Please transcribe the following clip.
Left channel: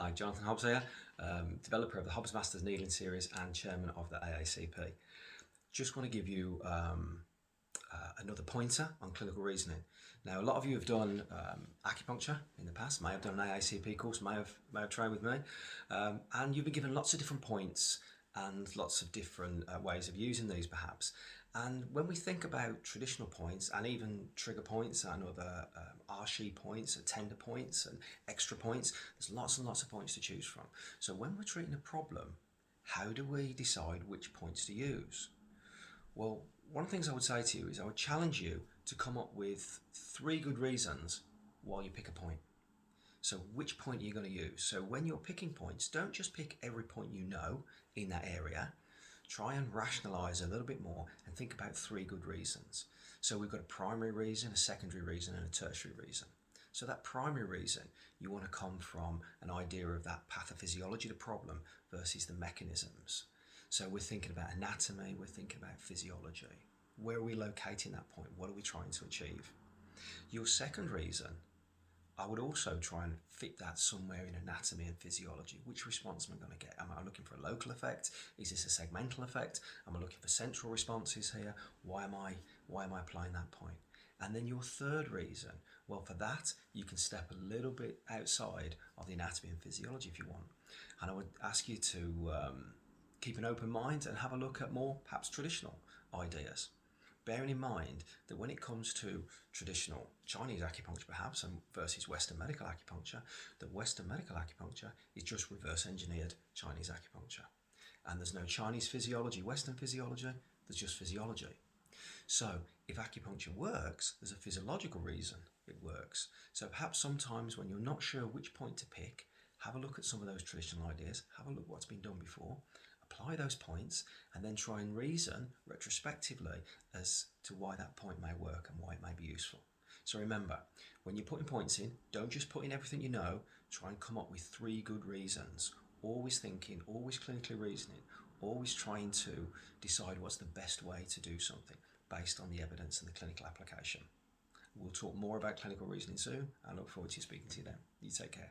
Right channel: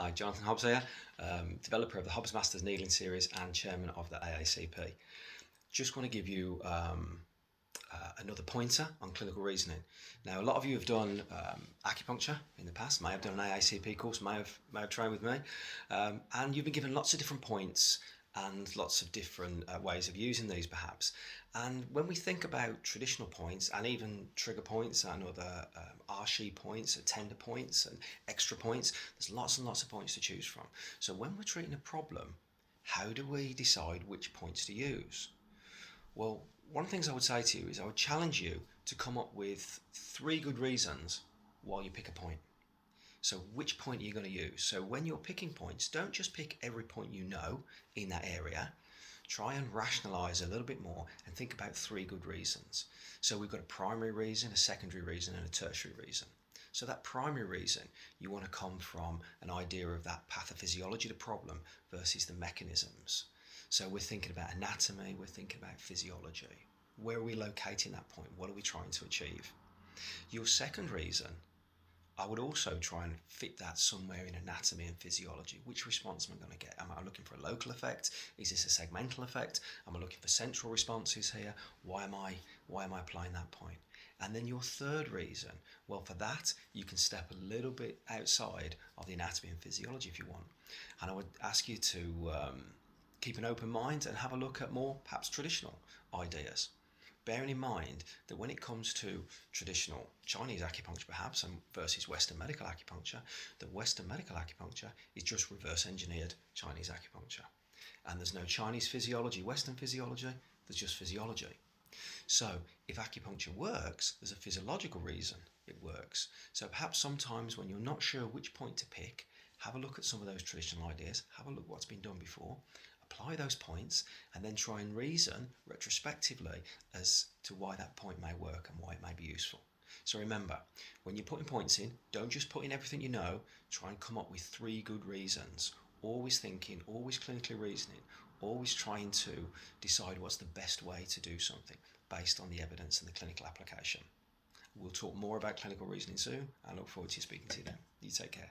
Hi, Jonathan Hobbs here, developer of the Hobbs Masters Needling Series and chairman of the AACP. Just want to give you another pointer on clinical reasoning. Now, a lot of you have done acupuncture in the past, may have done an AACP course, may have trained with me, and you've been given lots of different points and lots of different ways of using these perhaps. And when we think about traditional points and even trigger points and other arshi points, tender points and extra points, there's lots and lots of points to choose from. So when we're treating a problem, how do we decide which points to use? Well, one of the things I would say to you is I would challenge you to come up with 3 good reasons why you pick a point. So which point are you going to use? So when you're picking points, don't just pick every point you know in that area. Try and rationalise a little bit more and think about 3 good reasons. So we've got a primary reason, a secondary reason and a tertiary reason. So that primary reason, you want to come from an idea of that pathophysiology of the problem versus the mechanisms. So we're thinking about anatomy, we're thinking about physiology. Where are we locating that point? What are we trying to achieve? Your second reason, I would also try and fit that somewhere in anatomy and physiology. Which response am I going to get? Am I looking for a local effect? Is this a segmental effect? Am I looking for central responses here? Why am I applying that point? And then your third reason, well, for that, you can step a little bit outside of the anatomy and physiology if you want. And I would ask you to keep an open mind and have a look at more perhaps traditional ideas. Bearing in mind that when it comes to traditional Chinese acupuncture perhaps and versus Western medical acupuncture, that Western medical acupuncture is just reverse engineered Chinese acupuncture. And there's no Chinese physiology, Western physiology, there's just physiology. So if acupuncture works, there's a physiological reason it works. So perhaps sometimes when you're not sure which point to pick, have a look at some of those traditional ideas, have a look what's been done before, apply those points, and then try and reason retrospectively as to why that point may work and why it may be useful. So remember, when you're putting points in, don't just put in everything you know, try and come up with 3 good reasons. Always thinking, always clinically reasoning, always trying to decide what's the best way to do something based on the evidence and the clinical application. We'll talk more about clinical reasoning soon. I look forward to speaking to you then. You take care.